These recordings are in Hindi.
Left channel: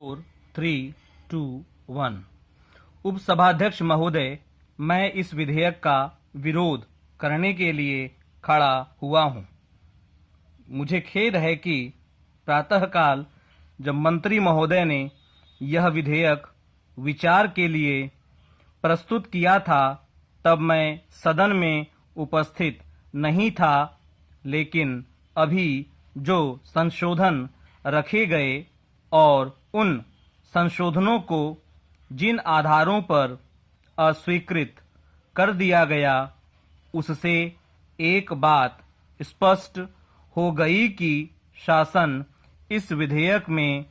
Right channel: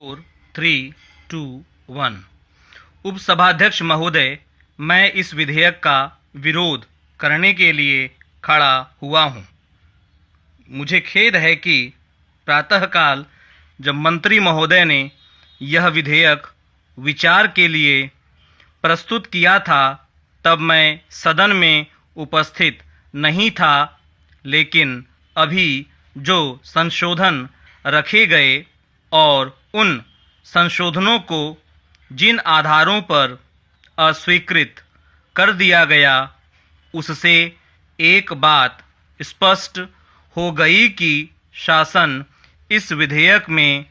4, 3, 2, 1। उपसभाध्यक्ष महोदय, मैं इस विधेयक का विरोध करने के लिए खड़ा हुआ हूँ। मुझे खेद है कि प्रातःकाल जब मंत्री महोदय ने यह विधेयक विचार के लिए प्रस्तुत किया था तब मैं सदन में उपस्थित नहीं था, लेकिन अभी जो संशोधन रखे गए और उन संशोधनों को जिन आधारों पर अस्वीकृत कर दिया गया, उससे एक बात स्पष्ट हो गई कि शासन इस विधेयक में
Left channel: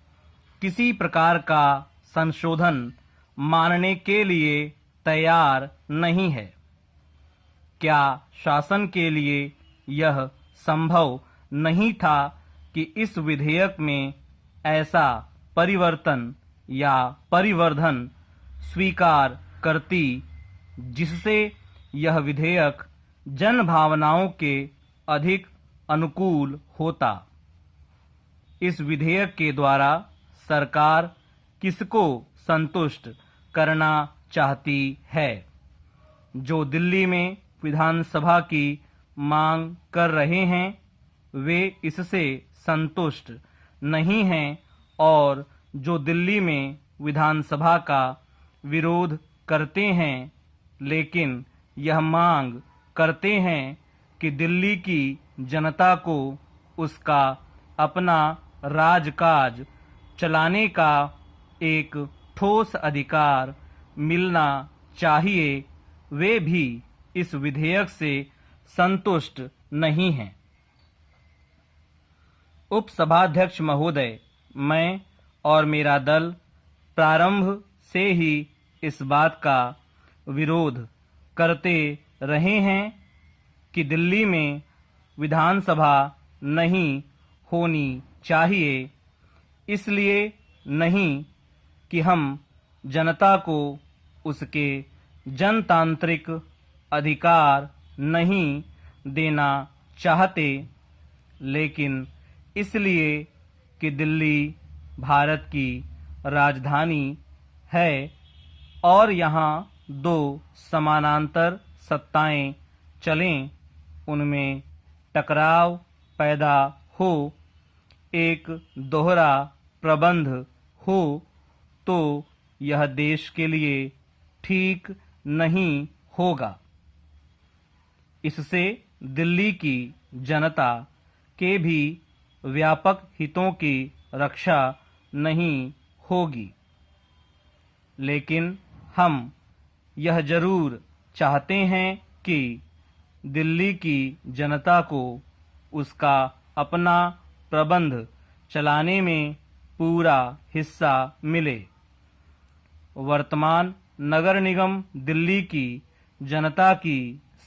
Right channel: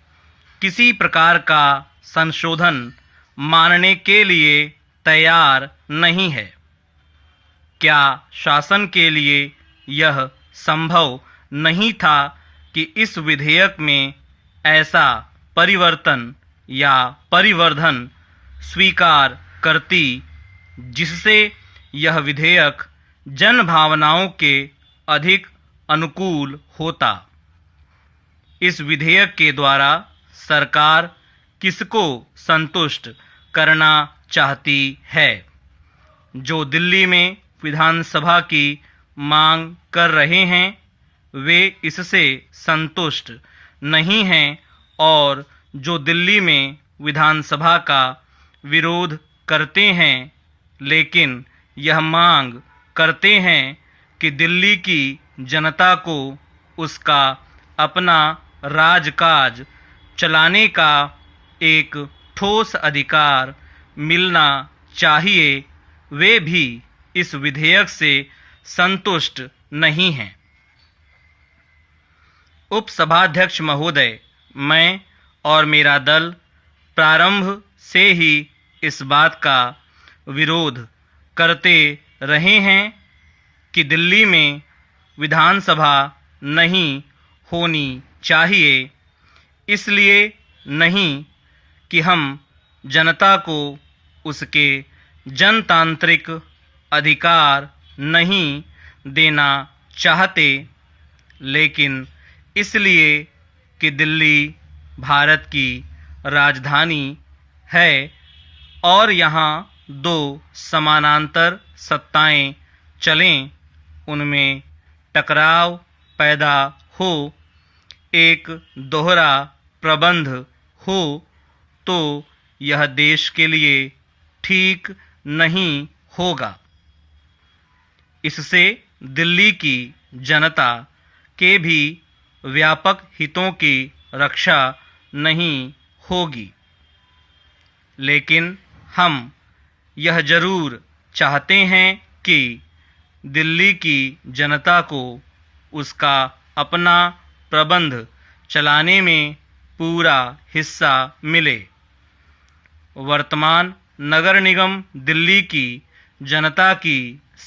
किसी प्रकार का संशोधन मानने के लिए तैयार नहीं है। क्या शासन के लिए यह संभव नहीं था कि इस विधेयक में ऐसा परिवर्तन या परिवर्धन स्वीकार करती जिससे यह विधेयक जन भावनाओं के अधिक अनुकूल होता? इस विधेयक के द्वारा सरकार किसको संतुष्ट करना चाहती है? जो दिल्ली में विधानसभा की मांग कर रहे हैं वे इससे संतुष्ट नहीं हैं, और जो दिल्ली में विधानसभा का विरोध करते हैं लेकिन यह मांग करते हैं कि दिल्ली की जनता को उसका अपना राजकाज चलाने का एक ठोस अधिकार मिलना चाहिए, वे भी इस विधेयक से संतुष्ट नहीं हैं। उपसभाध्यक्ष महोदय, मैं और मेरा दल प्रारंभ से ही इस बात का विरोध करते रहे हैं कि दिल्ली में विधानसभा नहीं होनी चाहिए। इसलिए नहीं कि हम जनता को उसके जनतांत्रिक अधिकार नहीं देना चाहते, लेकिन इसलिए कि दिल्ली भारत की राजधानी है और यहाँ दो समानांतर सत्ताएं चलें, उनमें टकराव पैदा हो, एक दोहरा प्रबंध हो, तो यह देश के लिए ठीक नहीं होगा। इससे दिल्ली की जनता के भी व्यापक हितों की रक्षा नहीं होगी। लेकिन हम यह जरूर चाहते हैं कि दिल्ली की जनता को उसका अपना प्रबंध चलाने में पूरा हिस्सा मिले। वर्तमान नगर निगम दिल्ली की जनता की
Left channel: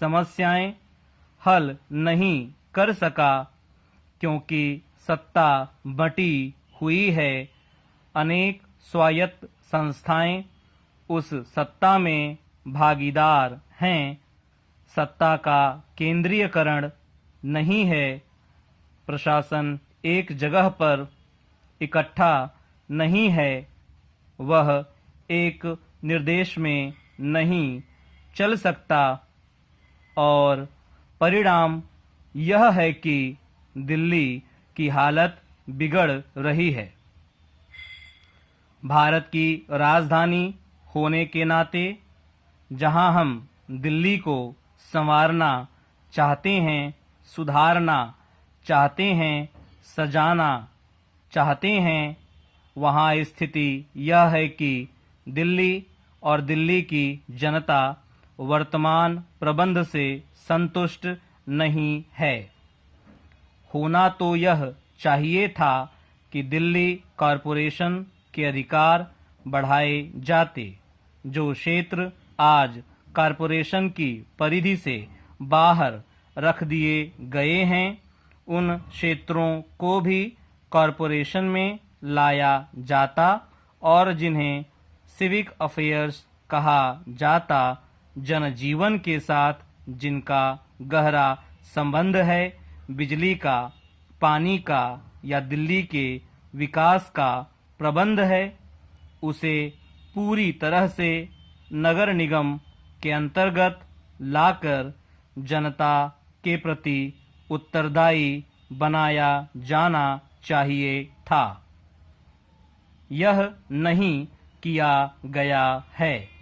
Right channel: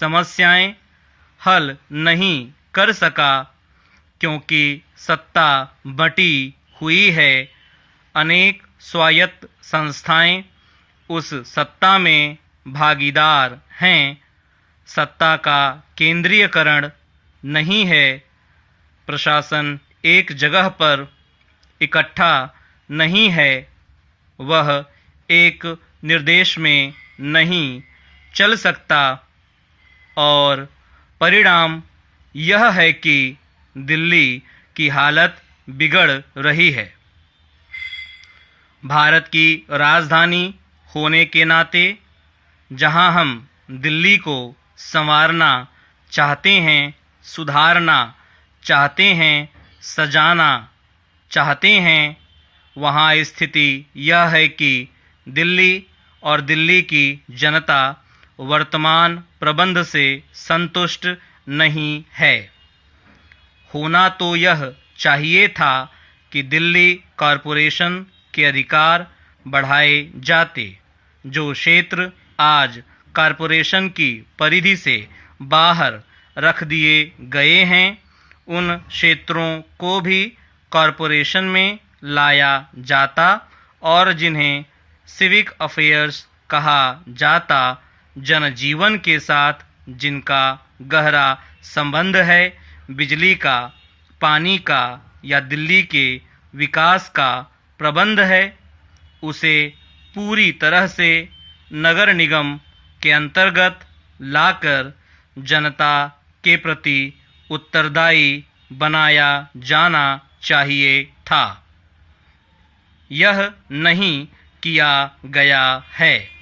समस्याएं हल नहीं कर सका क्योंकि सत्ता बंटी हुई है। अनेक स्वायत्त संस्थाएं उस सत्ता में भागीदार हैं। सत्ता का केंद्रीयकरण नहीं है। प्रशासन एक जगह पर इकट्ठा नहीं है। वह एक निर्देश में नहीं चल सकता, और परिणाम यह है कि दिल्ली की हालत बिगड़ रही है। भारत की राजधानी होने के नाते जहां हम दिल्ली को संवारना चाहते हैं, सुधारना चाहते हैं, सजाना चाहते हैं, वहां स्थिति यह है कि दिल्ली और दिल्ली की जनता वर्तमान प्रबंध से संतुष्ट नहीं है। होना तो यह चाहिए था कि दिल्ली कॉरपोरेशन के अधिकार बढ़ाए जाते। जो क्षेत्र आज कॉरपोरेशन की परिधि से बाहर रख दिए गए हैं, उन क्षेत्रों को भी कॉरपोरेशन में लाया जाता, और जिन्हें सिविक अफेयर्स कहा जाता, जनजीवन के साथ जिनका गहरा संबंध है, बिजली का, पानी का या दिल्ली के विकास का प्रबंध है उसे पूरी तरह से नगर निगम के अंतर्गत लाकर जनता के प्रति उत्तरदायी बनाया जाना चाहिए था। यह नहीं किया गया है।